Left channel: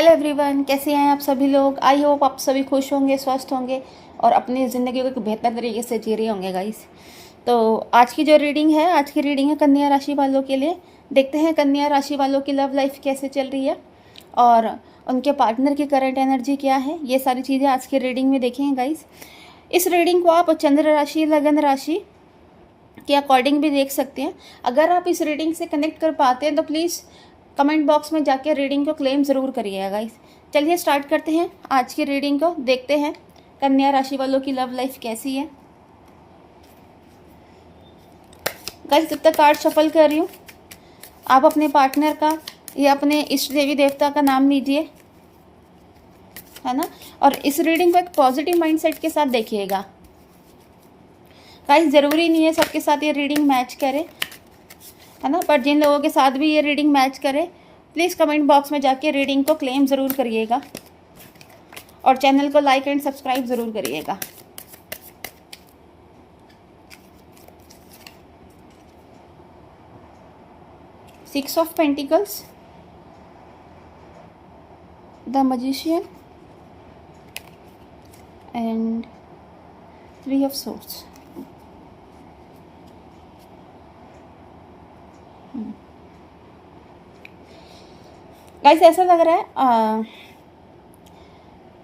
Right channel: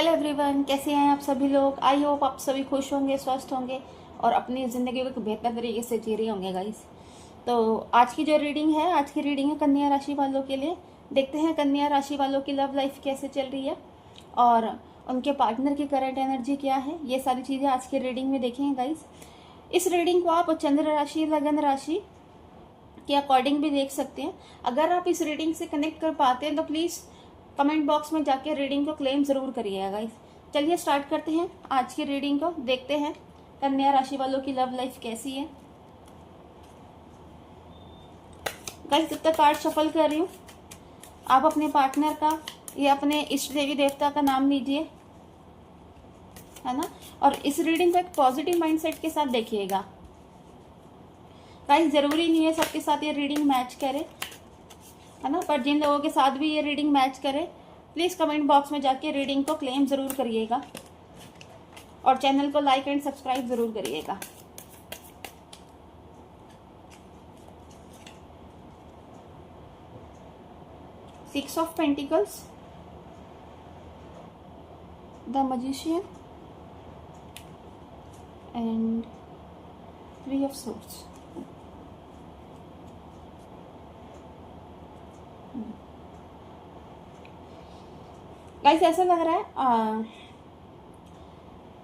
Hello everyone, कैसे हैं आप सभी लोग। आई होप आप सभी खुश होंगे, स्वस्थ होंगे और अपनी ज़िंदगी को एक बेहतर तरीके से जी रहे होंगे गाइस। तो आज की जो रीडिंग है, आज की रीडिंग है कन्या राशि वालों के लिए। देखते हैं कन्या राशि वालों की लव लाइफ कैसे चल रही है और उनके पार्टनर की करंट एनर्जी क्या है। ये सारी चीज़ें आज की रीडिंग में देखेंगे गाइस। इस रीडिंग को आप चंद्र राशि, लगन राशि के अकॉर्डिंग भी देख सकते हैं। अगर आप इस रीडिंग से कनेक्ट कर पाते हैं तो प्लीज़ कमेंट बॉक्स में जाके रीडिंग को क्लेम ज़रूर करिएगा गाइस। चलिए स्टार्ट करते हैं आज की रीडिंग को। देखते हैं कन्या राशि वालों की लव लाइफ कैसी है गाइस। जब तक कार्ड शफल कर रही हूँ, आप अपने पार्टनर का या अपने इष्ट देवी देवता का नाम लीजिए, है ना। और इस रीडिंग को एक पॉजिटिव माइंडसेट के साथ देखिएगा गाइस। ज़रूरी नहीं है सबके साथ ये रीडिंग मैच करे, है ना, पर जिन लोगों के साथ भी ये रीडिंग मैच करे प्लीज़ कमेंट बॉक्स में जाके रीडिंग को क्लेम ज़रूर करिएगा और चैनल को लाइक एंड सब्सक्राइब ज़रूर करिएगा। Six of pentacles, the magician and three of swords. Guys ऐसा लग रहा है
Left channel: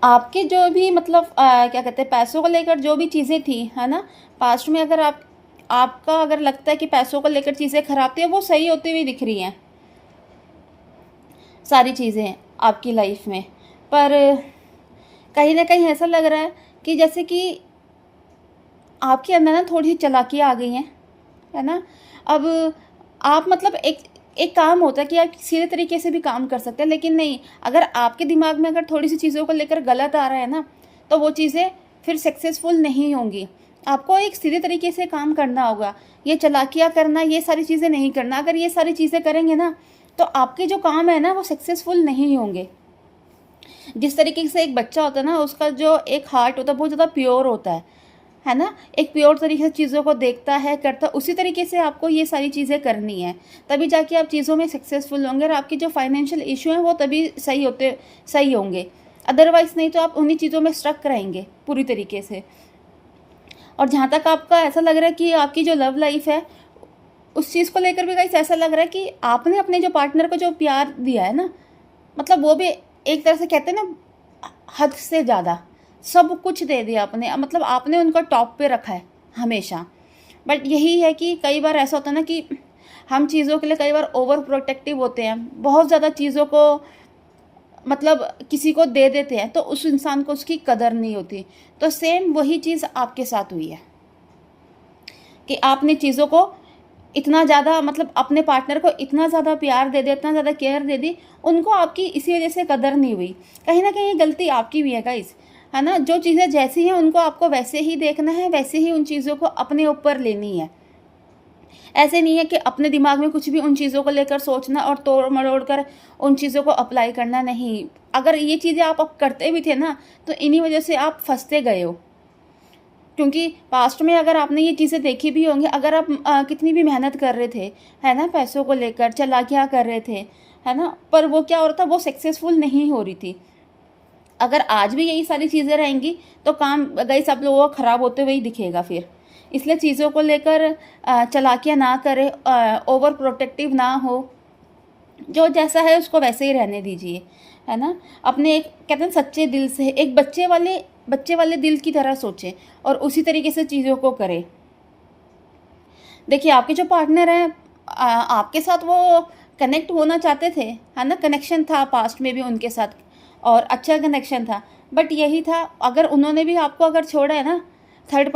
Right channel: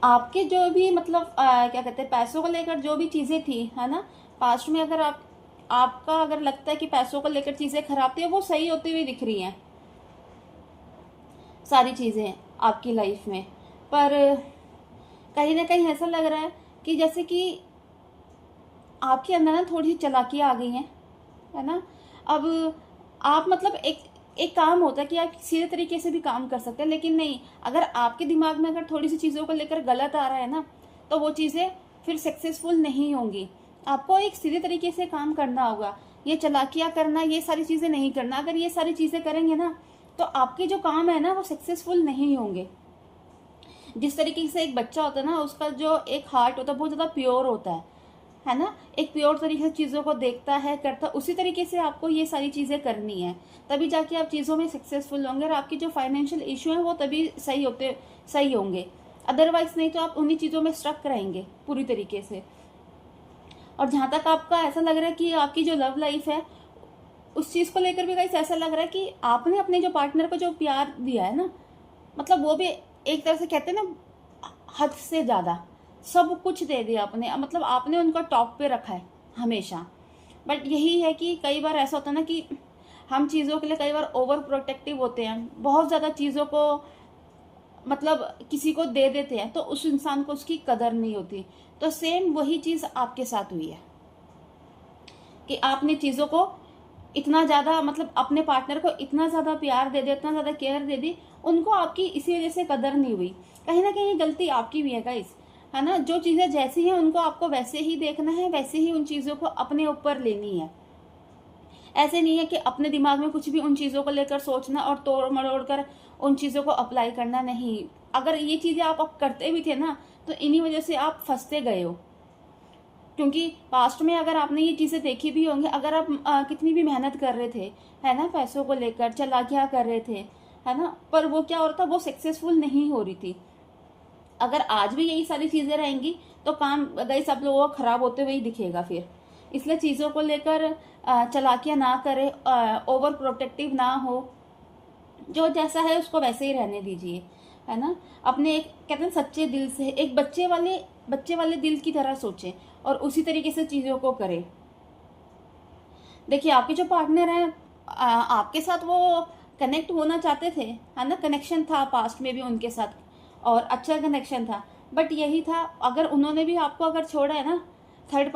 आपके जो भी मतलब क्या कहते हैं, पैसों को लेकर जो भी चीज़ें थी, है ना, पास्ट में अगर आपका अगर लगता है कि पैसों को लेकर चीज़ें खराब थी, वो सही होती हुई दिख रही हैं सारी चीज़ें आपकी लाइफ में। पर कहीं ना कहीं ऐसा लग रहा है कि जैसे कि आपके अंदर ना थोड़ी सी चालाकी आ गई है ना। अब आप मतलब एक काम होता है कि आप सीधे तरीके से भी काम कर सकते हैं, लेकिन नहीं, अगर आपके दिमाग में अगर थोड़ी सी चीज़ों को लेकर गलत आ रहा है ना, तो वो चीज़ें फिर सक्सेसफुल नहीं होंगी। आपको एक सीधे तरीके से काम करना होगा। ये चालाकियाँ करना, ये सारी चीज़ें नहीं करना। अगर ये सारी चीज़ें करेंगे ना तो आपके जो काम है ना वो सक्सेसफुल नहीं होंगे। जिस तरीके से एक बच्चा होता है ना, उसका जो एक हार्ट होता है बहुत ज़्यादा प्योर होता है ना, एक प्योर तरीके से चीज़ों को देखता है, करता, उसी तरीके से आपको ये सारी चीज़ें करनी है। तभी जाके आप चीज़ों में सक्सेसफुल होंगे और आपकी जो फाइनेंशियल इशू है वो तभी सही होंगे। अदरवाइज नहीं तो आप उन्हीं चीज़ों में स्ट्रक रहेंगे पूरी तरीके से। और जहाँ तक आपका ऐसा लग रहा है कि आपकी जो लव लाइफ है उस चीज़ को लेकर भी गाइस ऐसा लग रहा है कि आपने अपने जो पार्टनर को जो प्यार दिया है ना, मतलब वो भी एक तरह से कहते हैं ना, हद से ज़्यादा सब कुछ दे दिया आपने, मतलब आपने उनको टॉप पे रखा है हमेशा। बट यही है कि कई बार ऐसा होता है ना कि हम चीज़ों के लिए कई बार ओवर प्रोटेक्टिव होते हैं, बहुत ज़्यादा चीज़ों को मतलब किसी को दे देते हैं तो उस इंसान को उसकी कदर नहीं होती। तो सेम वही चीज़ आपके साथ हुई है कि आपने चीज़ों को इतना ज़्यादा मतलब अपने पार्टनर को इतना ज़्यादा प्यार दे दिया, इतना ज़्यादा केयर दे दी, उनको आपकी इसी वजह से कदर नहीं हुई। कहीं ना कहीं ये गलती आपकी भी है गाइस, है ना। जो चीज़ें जैसी हैं उनको आपको वैसे ही देखना है, वैसे ही उन चीज़ों को अपने ऊपर लेनी है। ऐसे नहीं है कि अपने दिमाग में कुछ भी उन चीज़ों को लेकर सोचना और तोड़ मरोड़ कर उन चीज़ों को अप्लाई करना नहीं। अगर ये चीज़ें आप अब करते भी थे ना तो इन्हीं वजह से आप फंसते गए हो। क्योंकि पास्ट में अगर आपने ये चीज़ें देखी भी होंगी, अगर आप कितनी भी मेहनत कर रहे थे, है ना, पैसों को लेकर चालाकियाँ कर रहे थे, है ना, पर वो क्या हो रहा था, वो सक्सेसफुल नहीं हो रही थी। अगर आज भी यही सारी चीज़ें रहेंगी तो काम गाइस आप लोगों को ख़राब होते हुए ही दिखेगा फिर। इसलिए चीज़ों को लेकर चालाकियाँ ना करें, ओवर प्रोटेक्टिव ना हो, जो जैसा है उसको वैसे ही रहने दीजिए, है ना। अपने एक कहते हैं सच्चे दिल से, एक बच्चे वाले दिल की तरह सोचें और उसी तरीके से चीज़ों को करें। देखिए आपके जो पार्टनर हैं आपके साथ वो कनेक्ट होना चाहते थे, है ना, कनेक्शन था पास्ट में भी उनके साथ और अच्छा कनेक्शन था। बट यही था, अगर उन्होंने भी आपको अगर छोड़ा है ना, थर्ड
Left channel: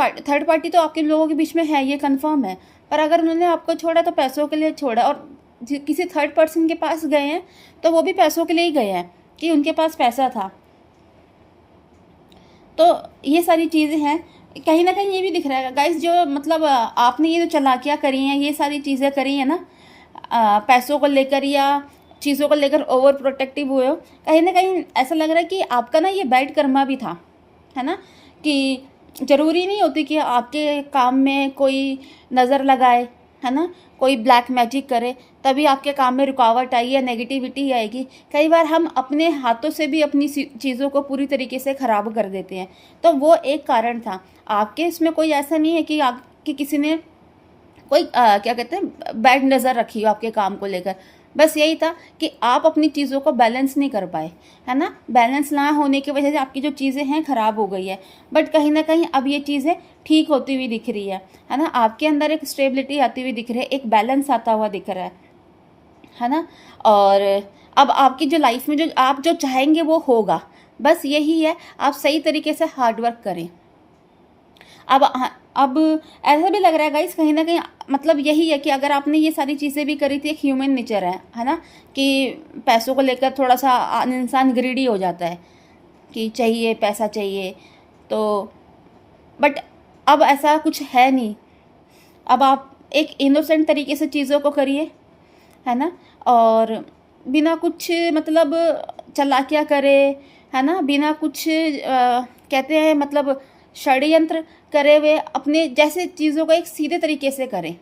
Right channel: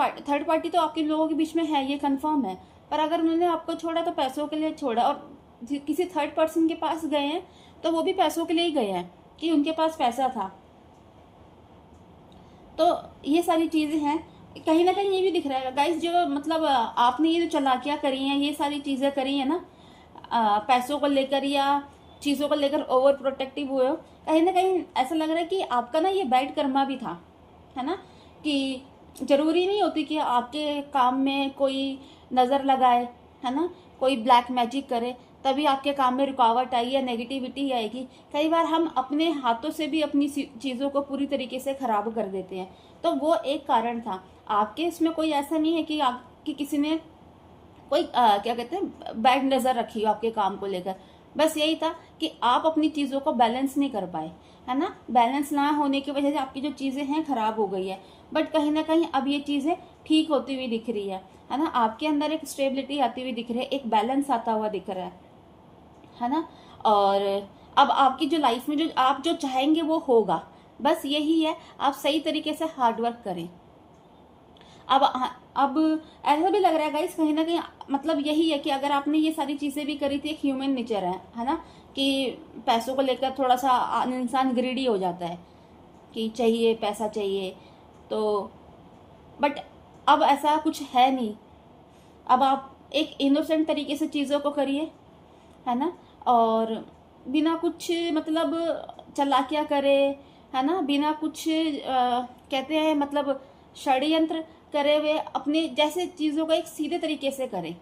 पार्टी तो आपके लोगों के बीच में है, ये कंफर्म है। पर अगर उन्होंने आपको छोड़ा तो पैसों के लिए छोड़ा, और किसी थर्ड पर्सन के पास गए हैं तो वो भी पैसों के लिए ही गए हैं कि उनके पास पैसा था। तो ये सारी चीज़ें हैं। कहीं ना कहीं ये भी दिख रहा है गाइस, जो मतलब आपने ये जो चालाकियाँ करी हैं, ये सारी चीज़ें करी हैं ना, पैसों को लेकर या चीज़ों को लेकर ओवर प्रोटेक्टिव हुए हो, कहीं ना कहीं ऐसा लग रहा है कि आपका ना ये बैड कर्मा भी था, है ना। कि ज़रूरी नहीं होती कि आपके काम में कोई नज़र लगाए, है ना, कोई ब्लैक मैजिक करे तभी आपके काम में रुकावट आई या नेगेटिविटी आएगी। कई बार हम अपने हाथों से भी अपनी चीज़ों को पूरी तरीके से ख़राब कर देते हैं। तो वो एक कारण था। आपके इसमें कोई ऐसा नहीं है कि आपकी किसी ने कोई क्या कहते हैं बैड नज़र रखी हो आपके काम को लेकर। बस यही था कि आप अपनी चीज़ों को बैलेंस नहीं कर पाए, है ना। बैलेंस ना होने की वजह से आपकी जो चीज़ें हैं ख़राब हो गई है। बट कहीं ना कहीं अब ये चीज़ें ठीक होती हुई दिख रही है ना। आपके अंदर एक स्टेबिलिटी आती हुई दिख रही है, एक बैलेंस आता हुआ दिख रहा है ना। और अब आपकी जो लाइफ में जो आप जो चाहेंगे वो होगा। बस यही है, आप सही तरीके से हार्ड वर्क करें। अब ऐसा भी लग रहा है गाइस कहीं ना कहीं, मतलब यही है कि अगर आपने ये सारी चीज़ें भी करी थी, एक ह्यूमन नेचर है ना, कि पैसों को लेकर थोड़ा सा इंसान ग्रीडी हो जाता है कि चाहिए पैसा चाहिए। तो बट अब ऐसा कुछ है नहीं। अब आप एक इनोसेंट तरीके से चीज़ों को करिए, है ना। और बिना कुछ मतलब चालाकियाँ करे, है ना, बिना कुछ कहते हैं मतलब षड्यंत्र करे हुए अपने जैसे चीज़ों को एक सीधे तरीके से करें,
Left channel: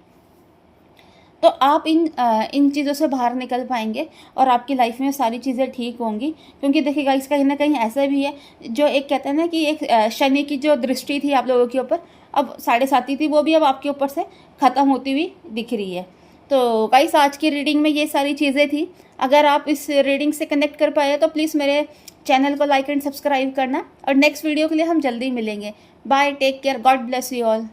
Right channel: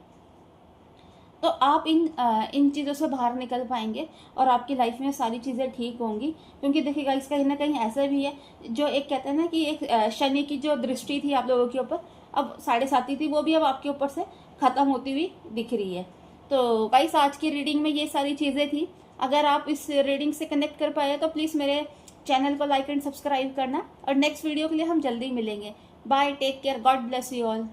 तो आप इन चीज़ों से बाहर निकल पाएंगे और आपकी लाइफ में सारी चीज़ें ठीक होंगी। क्योंकि देखिएगा इसका कहीं ना कहीं ऐसा भी है, जो एक कहते हैं ना कि एक शनि की जो दृष्टि थी आप लोगों के ऊपर, अब 7.5 थी, वो भी अब आपके ऊपर से ख़त्म होती हुई दिख रही है। तो गाइस आज की रीडिंग में ये सारी चीज़ें थी। अगर आप इस रीडिंग से कनेक्ट कर पाए तो प्लीज़ मेरे चैनल को लाइक एंड सब्सक्राइब करना, और नेक्स्ट वीडियो के लिए हम जल्दी मिलेंगे। Bye, take care, God bless you all.